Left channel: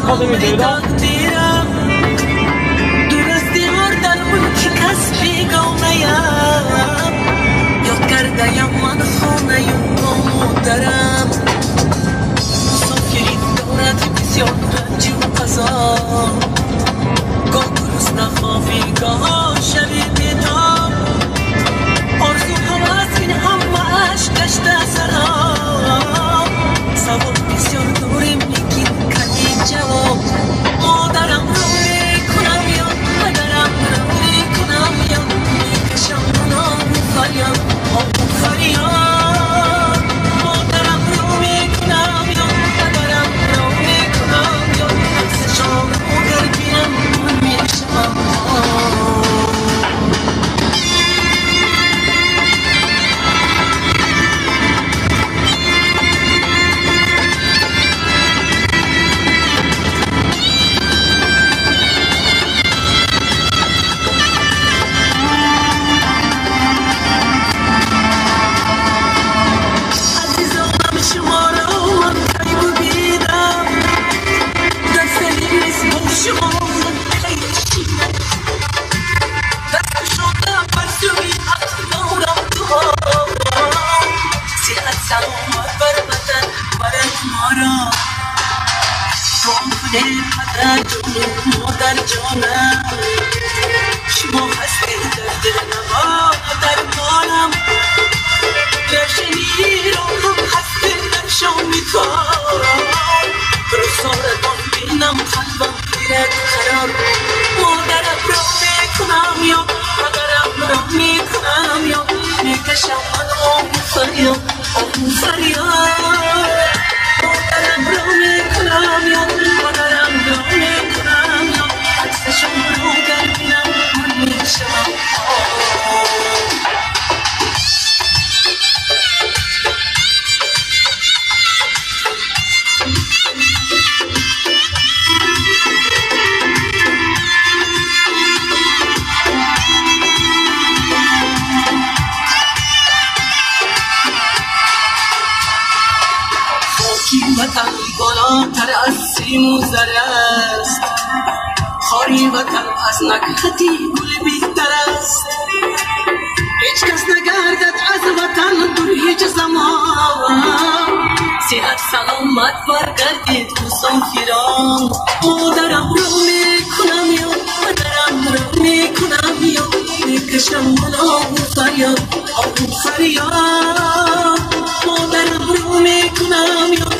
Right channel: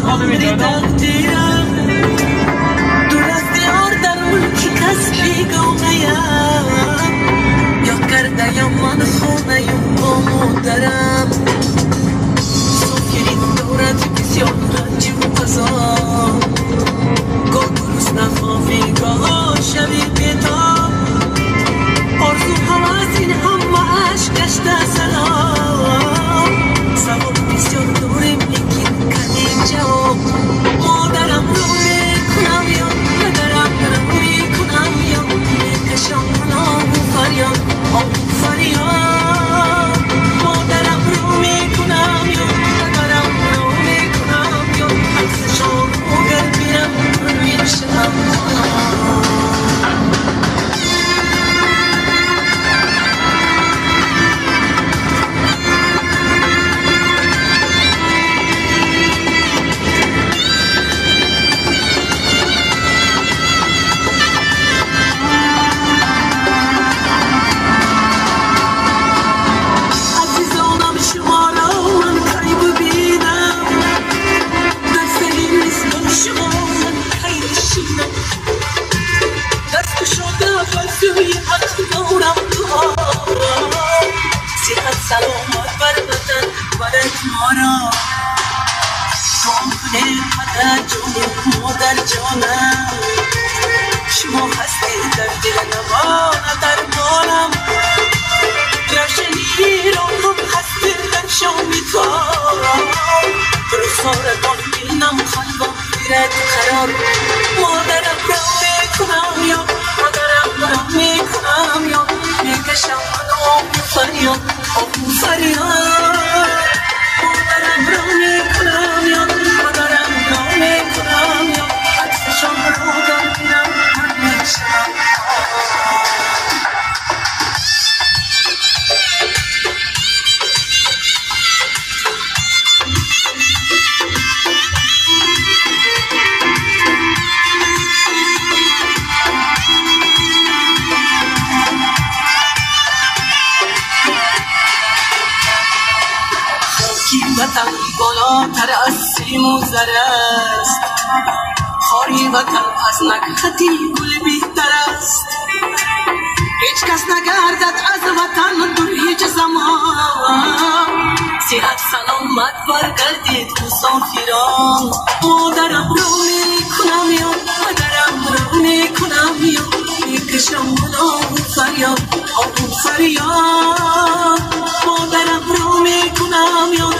از خاطر میدادم دور از دیار در ملک کس بیگانه‌ام یاد کرده‌ام من خانه مادرم سفیری دارد بسیار رنج و عذاب گاه گرسنه خوابی گاه شبی بیتاب آرزو هوس این همه اشک گشته سراب سواب بسیار داریم لیکن کمی جواب مادرم رو میکنم یا پدرم رو میکنم یا میکشم گناه و فریاد آه و فریاد مادرم رو میکنم یا پدرم رو میکنم یا عکسشان رو گر بینم من میشم سلامت بر وطن برای مارا جان پدر جان مادر جانم شما هستی در دل نوا در مانم گرچه را هم هستی در شامی کارم برسارتان بینم قلبم گیرد قرار مادرم را میکنم یا مادرم را میکنم یا میکشم من فریاد آه فریاد مادرم را میکنم یا مادرم را میکنم یا عکسشان رو گر بینم من میشم وطن بالاتر از سیم و زر است خاری وطن از نکهتی گل بهتر است هیچ کس نگردد از وطن در هیچ زمان صحت سلامت برگردید مسافران مادرم رو میکنم یا مادرم رو میکنم یا میکشم من آه و فریاد آه و فریاد مادرم رو میکنم یا